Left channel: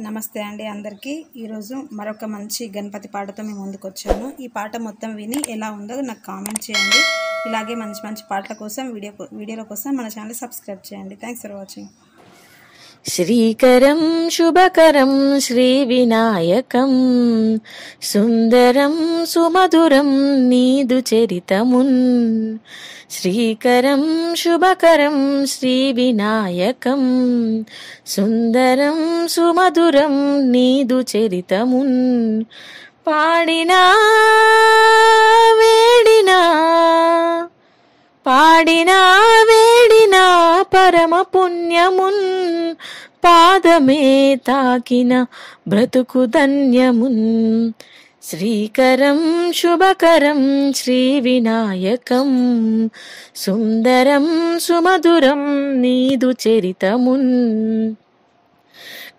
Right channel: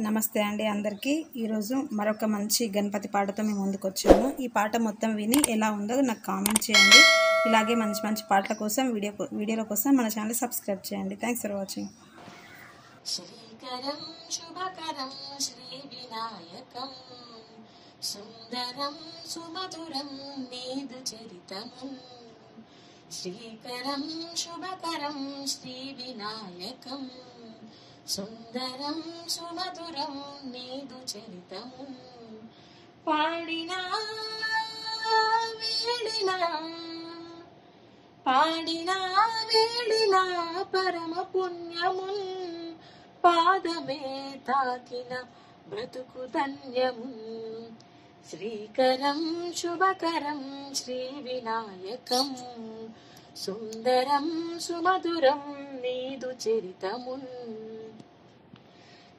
నమస్తే అండి అందరికీ. ఈరోజు మరొక మంచి గణపతి పాటతో మేము ముందుకు వచ్చాను. ఈ పాట మొత్తం విని ఎలా ఉందో నాకు కామెంట్ చేయండి. ఇలాగే మంచి మంచి పాటల కోసం వీడియోల కోసం మన ఛానల్ సబ్స్క్రైబ్ చేయండి. Thanks for watching. శ్రీకరం శుభకరం శ్రీ వినాయకం సుందరం సుమధురం నీదు చరితమున్. శ్రీకరం శుభకరం శ్రీ వినాయకం సుందరం సుమధురం నీదు చరితమున్. పాడినా వేడినా వేడినా పరమ పుణ్యమున్. పాదమే తాకిన బ్రతుకు ధన్యమున్. శ్రీకరం శుభకరం శ్రీ వినాయకం సుందరం సుమధురం నీదు చరితమున్.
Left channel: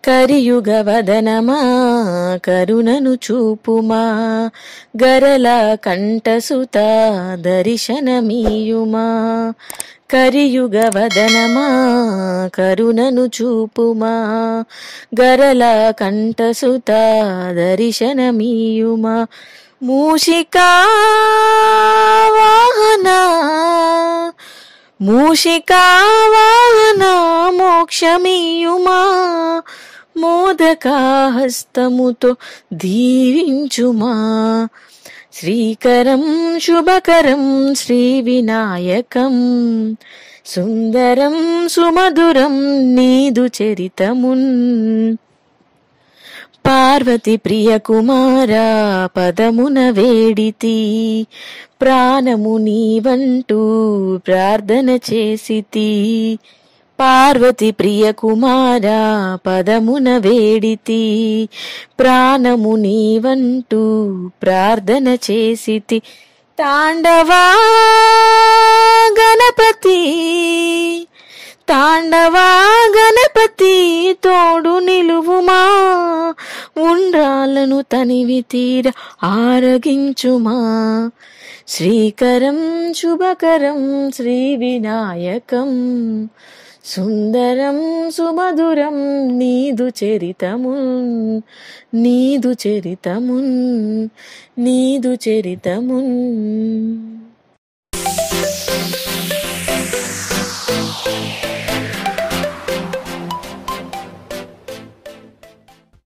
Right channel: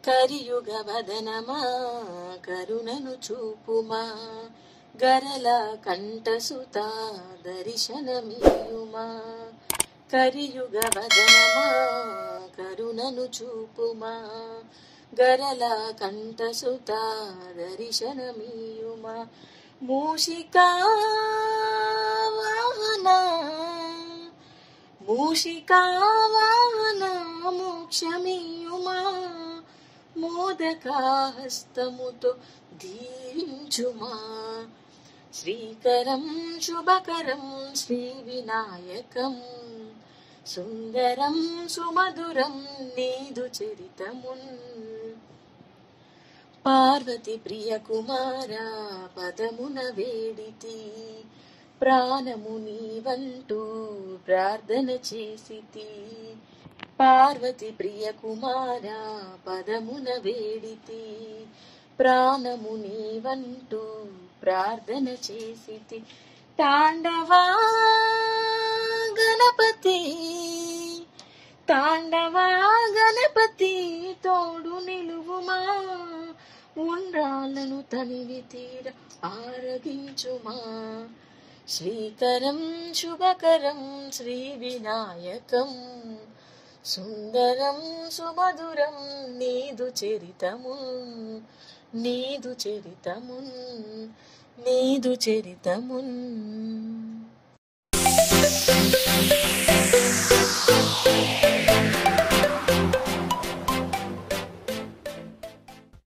కరియుగ వదనమా కరుణను చూపుమా, గరల కంఠసుత దర్శనమీయుమా. కరియుగ వదనమా కరుణను చూపుమా, గరల కంఠసుత దర్శనమీయుమా. మూషికా వాహన మోక్షమీయుమా. మోదకాహస్తముతో దీవించుమా. శ్రీకరం శుభకరం శ్రీ వినాయకం సుందరం సుమధురం నీదు చరితమున్. పార్వతి ప్రియ కుమారా పదమున వేడితి, ప్రాణము నీవంటూ ప్రార్థన చేసితి. పార్వతి ప్రియ కుమారా పదమున వేడితి, ప్రాణము నీవంటూ ప్రార్థన చేసితి. తాండవా గణపతి తోడు నిలువుమా. ఉండ్రాలను తనివి తీర ఆరగించుమా. శ్రీకరం శుభకరం శ్రీ వినాయకం సుందరం సుమధురం నీదు చరితమున్.